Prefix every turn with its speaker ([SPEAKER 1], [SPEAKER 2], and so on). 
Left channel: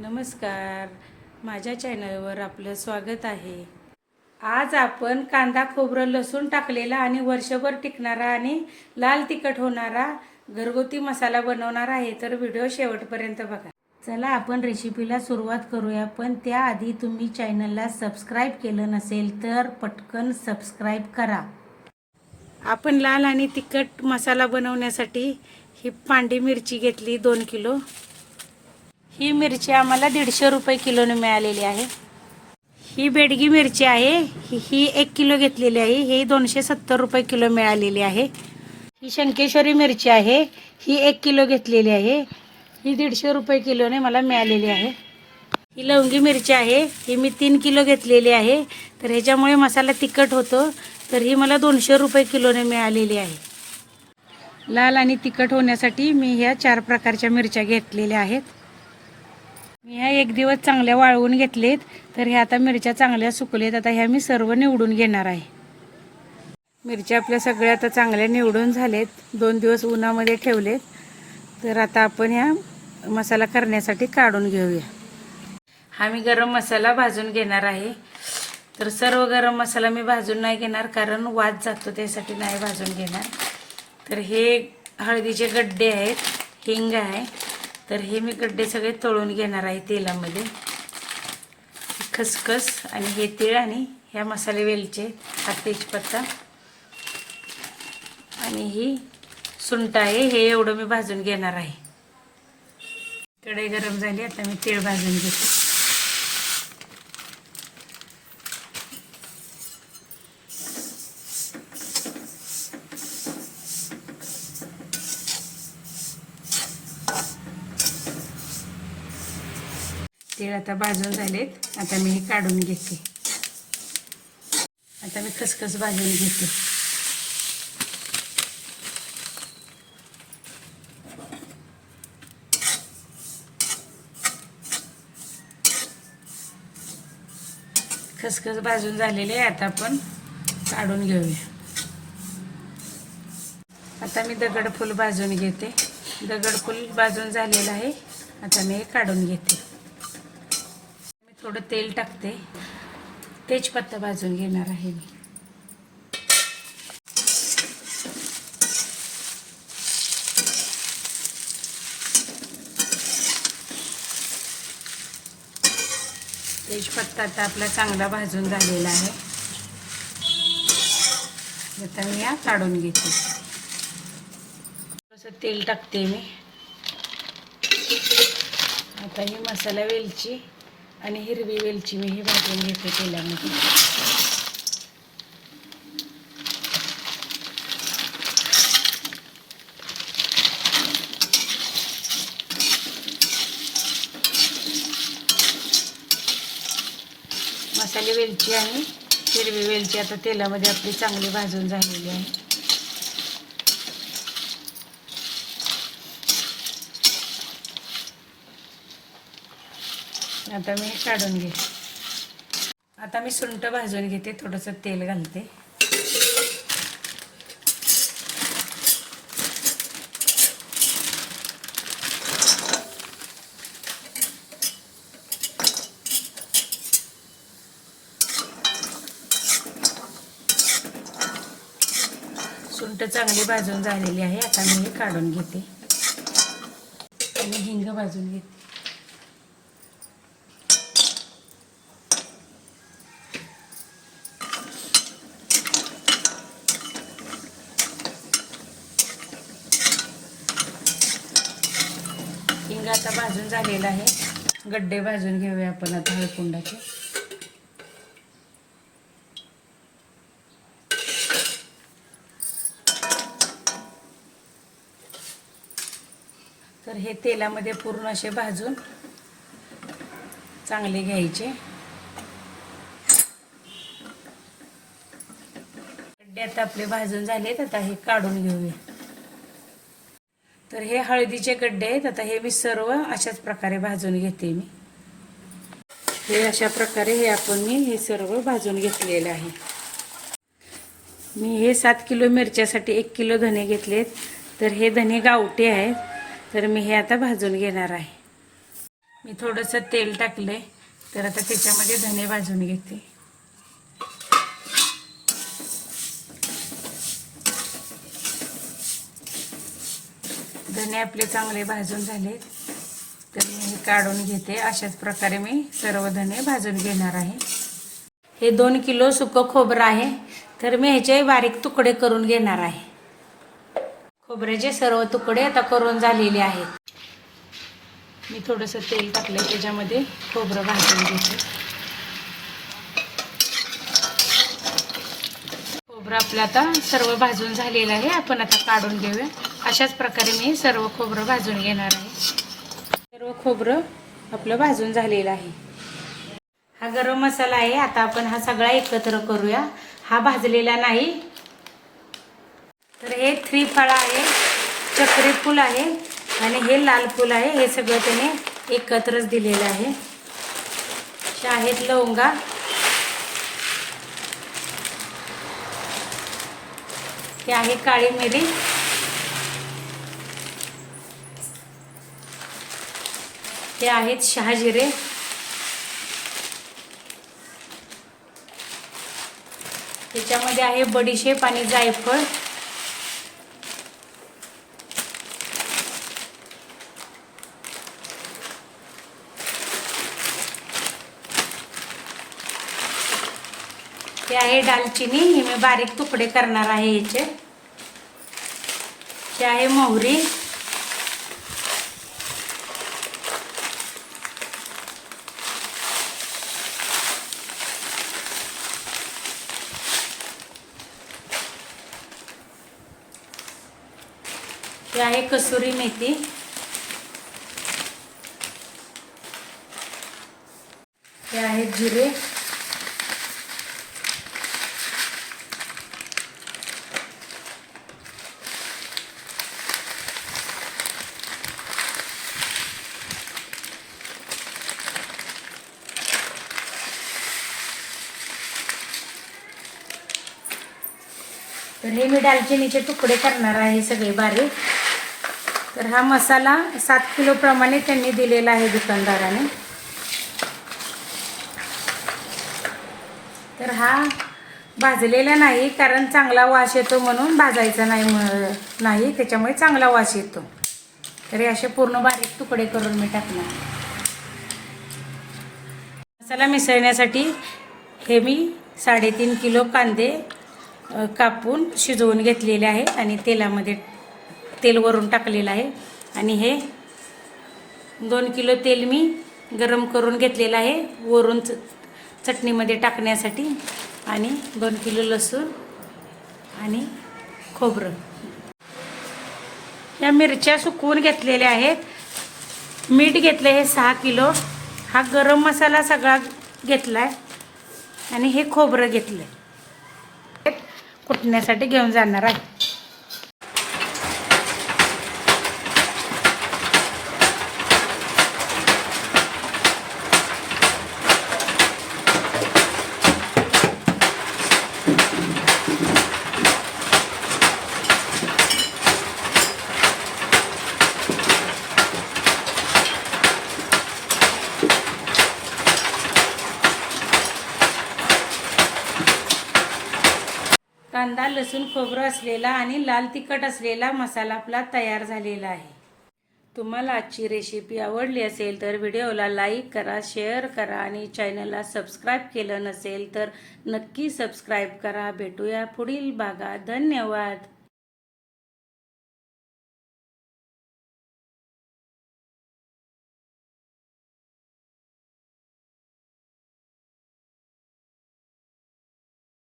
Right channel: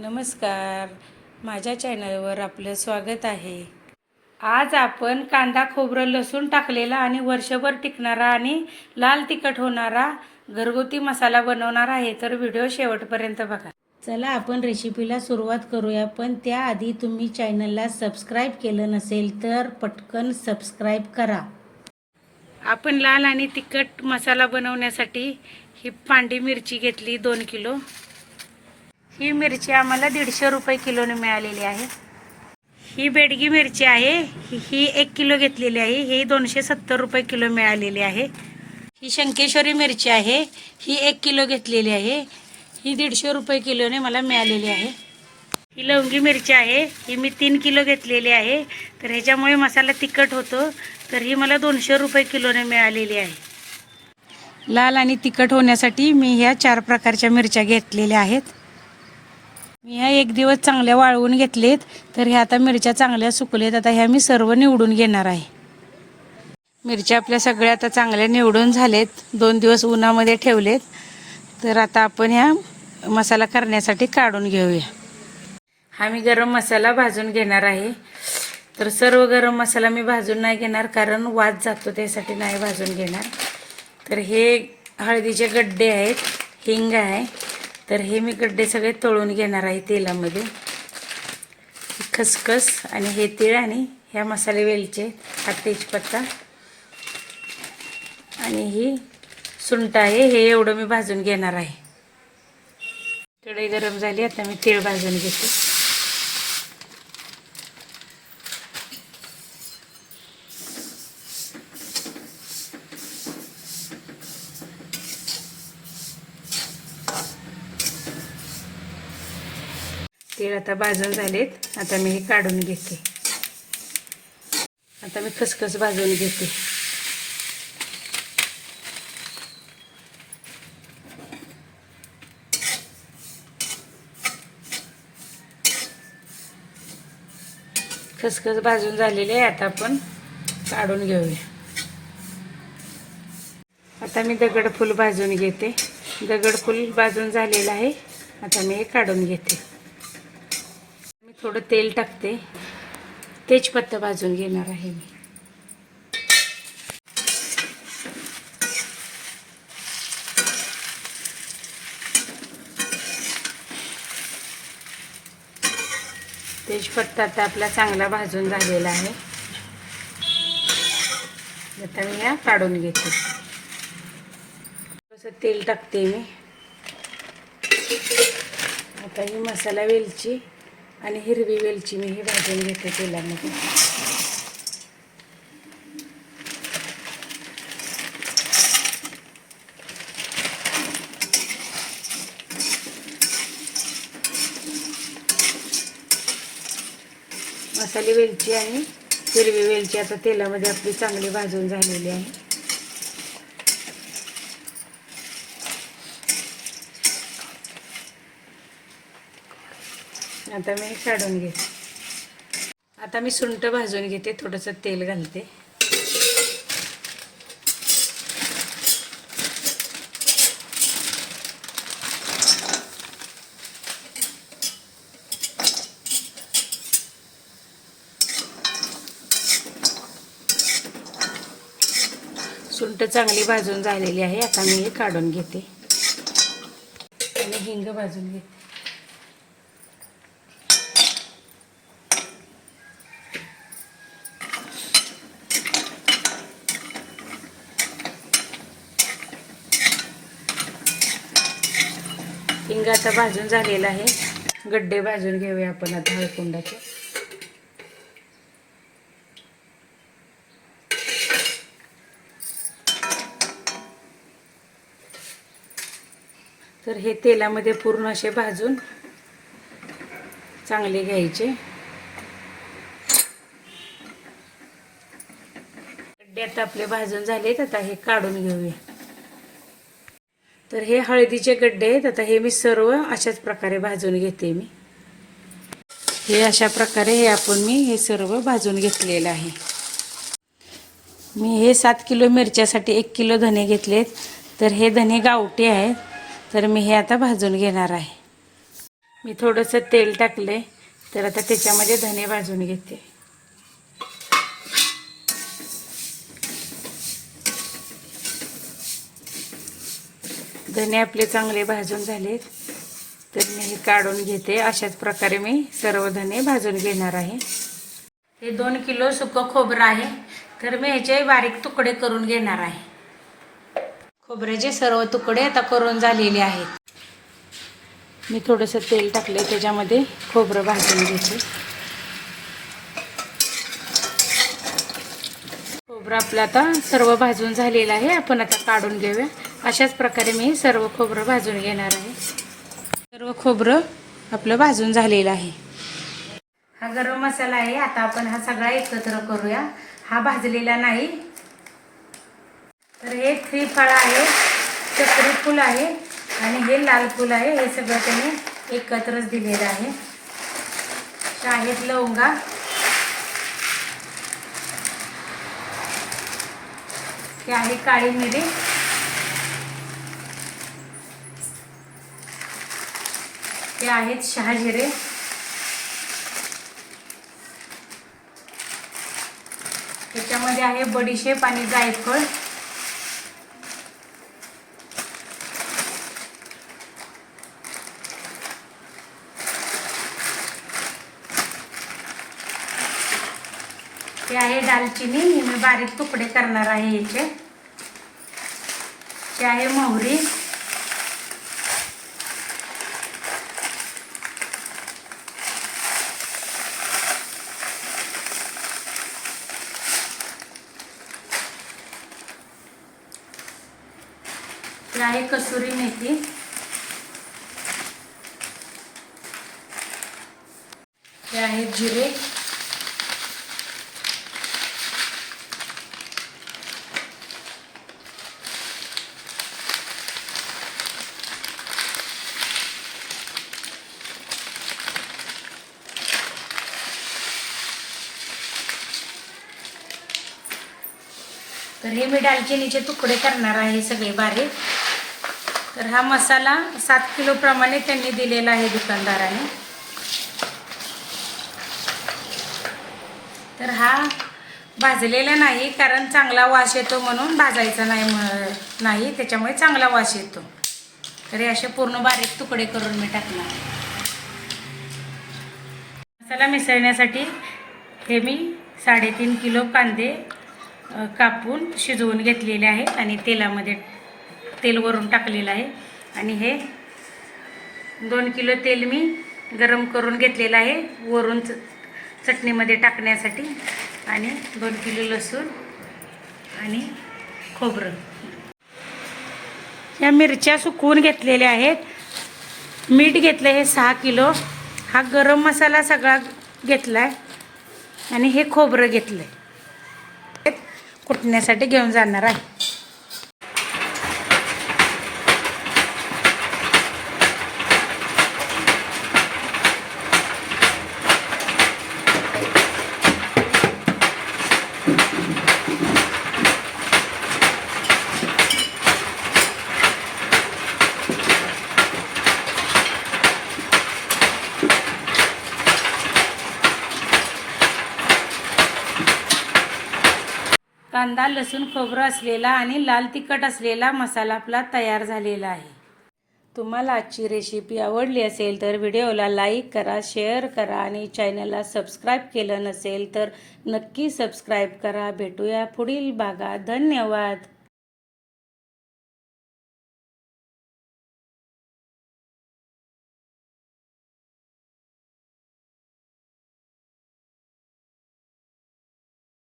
[SPEAKER 1] नमस्कार. माझ्या चॅनलवर आपलं स्वागत आहे. आज आपण कांदा खोबरं लसूण टाकलेला आणि वर्षभर टिकणारा आणि लाल तिखट होणारा घरगुती मसाला बनवणार आहे तर व्हिडिओ शेवटपर्यंत बघा. चला आपण रेसिपीला सुरुवात करूया पण त्याआधी तुम्ही चॅनलला सबस्क्राईब केलं नसेल तर पटकन सबस्क्राईब करा. आपण लाल आणि तिखट मसाला बनवण्यासाठी ही पांडी मिरची घेतली दोन किलो. ही मिरची आम्हाला दीडशे रुपये किलोने मिळालेली आहे. ही बेडगी मिरची आहे. ही एक किलो घेतलेली आहे. ही दोनशे सत्तर रुपये किलो मिळालेली आहे. ही शंकेश्वरी मिरची आहे. ही एक किलो घेतलेली आहे. ही दीडशे रुपये किलोने मला मिळालेली आहे. ही लवंगी मिरची आहे. ही मी तीन किलो घेतलेली आहे. तर ह्याच्यामुळे मसाला तिखट होतो. तर ही मला दोनशे रुपये किलोने मिळालेली आहे. लाल आणि तिखट होण्यासाठी मी ह्या चार प्रकारच्या मिरच्या घेतलेल्या आहेत. मी ह्या एक दिवस चांगल्या वाळवून घेतलेत तर ह्या आता मिरच्या चांगल्या सुकलेत. आता ह्या मी सर्व निवडून घेणार आहे. मिरच्या आपल्या सगळ्या आता चांगल्या निवडून झालेत. दोन दिवस उन्हामध्ये ठेवलेत. तर आता आपण ह्या मसाला करण्यासाठी काढून घेऊया. हा मी गरम मसाला भाजून घेणार आहे. तर सर्व गरम मसाला मी भाजून नाही घेणार कारण वाद जातो त्यासाठी नाही भाजून घेणार. तर हे हळदीचे गड्डे आहेत हिंग आहे. तर हे मी गड्डे सगळे तळून घेणार आहे तेलामध्ये. खसखस आणि हे तीळ आणि ह्या मसाले वेलचे हा तेजपत्ता. आणि ही सुंट आहे हे एवढं मी भाजून घेणार आहे. कढई गरम झाली आता मी तीळ भाजून घेते. तेल आता भाजून झालेत. आता मी हे काढून घेते. आता मी खसखस भाजून घेते. खसखस भाजून झालेले आहे. आता आपण काढून घेऊया. आता मी दगडफूल भाजून घेते. दगडफूल भाजून झालेलं आहे. आता मी हे काढून घेते. थोडं तेल टाकते. तेजपत्ता भाजून घेणार आहे मी. तेजपत्ता आता आपला चांगला भाजून झालेला आहे. आता मी या काढून घेते. थोडंसं तेल टाकते मी. आता ही मसाला वेलची आणि हिरवी वेलची मी हे भाजून घेते तेलामध्ये. मसाले वेलची आणि हिरवी वेलची आता तेलामध्ये आपली चांगली भाजून झालेली आहे. आता मी काढून घेते आता मी सुंट भाजून घेते थोडंसं तेल घालते. सुंठ चांगली भाजून झालेली आहे आता मी हे काढून घेते. आणि हिंग भाजून घेते. हिंग आता भाजून झालेला आहे. गड्डे भाजून घेऊया आपण आता हळकुंडाचे तर हे तेलामध्ये पूर्ण असे भाजून चांगले घ्यायचे. गड्डे आता आपले भाजून झालेत आता हे काढून घेऊया. तर हे हळदीचे गड्डे आहेत. आता हे मी सर्व अशाच प्रकारे भाजून घेते मी. हे अशा प्रकारे हे आपण मी हे सर्व भाजून घेतलेलं आहे. मी हे सात किलो मिरच्यासाठी एक किलो धने घेतलेत. तर हे धने गावटे आहेत. तर मी हे आता भाजून घेणार आहे. मी थोडंसं तेल टाकले तर आता त्याच्यामध्ये धने भाजून घेते. धने आपले चांगले भाजून झालेत. तर मी हे काढून घेते. अशाच प्रकारे मी सर्व धने भाजून घेणार आहे. हे दोन किलो सुकं खोबरं आहे. तर मी ह्याचे बारीक तुकडे करून घेणार आहे. खोबऱ्याचे सर्व तुकडे आता करून झालेले आहेत. मी थोडंसं तेल टाकले त्याच्यामध्ये खोबरं भाजून घेते. खोबरं आपलं आता सर्व भाजून झालेलं आहे. आपण आता काढून घेऊया. अशाच प्रकारे मी सर्व खोबरं भाजून घेणार आहे. सर्व खोबरं आपलं भाजून झालेलं आहे. हा गरम मसाला आहे. आता आपण हा सगळा एकत्र करूया. हा भाजलेला नाही. तर हे थ्री फळ आहे. चक्री फूल आहे. आणि हे लाल फूल आहे. हे सगळं त्याने एकत्रच दिलेलं आहे. शाहीत आहेत लवंगा ते आहे काळी मिरी ते आहेत शहाजिरे. त्याच्यामध्ये आहे बडीशेप आणि जायफळ. ते आहे दालचिनी हे मी बारीक तुकडे करणार आहे याचे. हे आहे मोहरी. हे आहे कसुरी मेथी. हे आहे जिरे. तर हे मी दालचिनीचे तुकडे करणार आहे सगळे बारीक. तर हा मसाला सात किलोप्रमाणे त्यांनी दिलेला आहे दुकानदाराने. तर हा भाजलेला नाही कारण चांगला वास येतो म्हणून भाजायचा नाही नाही त्याच्यामुळे चांगला वास येतो. तर हे असे पूर्ण बारीक तुकडे करून मी टाकणार. मसाला मिसळण्यासाठी हे मी साडेतीन किलो कांदे कापून शिजवून घेतलेले आहे आणि तेलामध्ये तेल वरून टाकलेलं आहे. आणि हे दोन किलो तेल मी गरम करून घेतलेलं आहे वरून च चटणीमध्ये टाकण्यासाठी. आणि दोन किलो लसूण आणि खोबरं. या मिरच्या सुकवून घेतलेल्या आहेत. मीठ घेतलं हे सहा किलो. हा गरम मसाला सगळा घेतला आहे आणि हे खोबरं घेतलं आहे कुटण्यासाठी घेऊन जाणार आहे. कांदा लसूण खोबरं असलेला आणि लाल तिखट असलेला मसाला आपला तयार झालेला आहे. तुम्हाला आजची रेसिपी आवडली असेल तर व्हिडिओला लाईक करा शेअर करा आणि चॅनलला सबस्क्राईब केलं नसेल तर नक्की सबस्क्राईब करा. भेटूया पुढील भागात. धन्यवाद!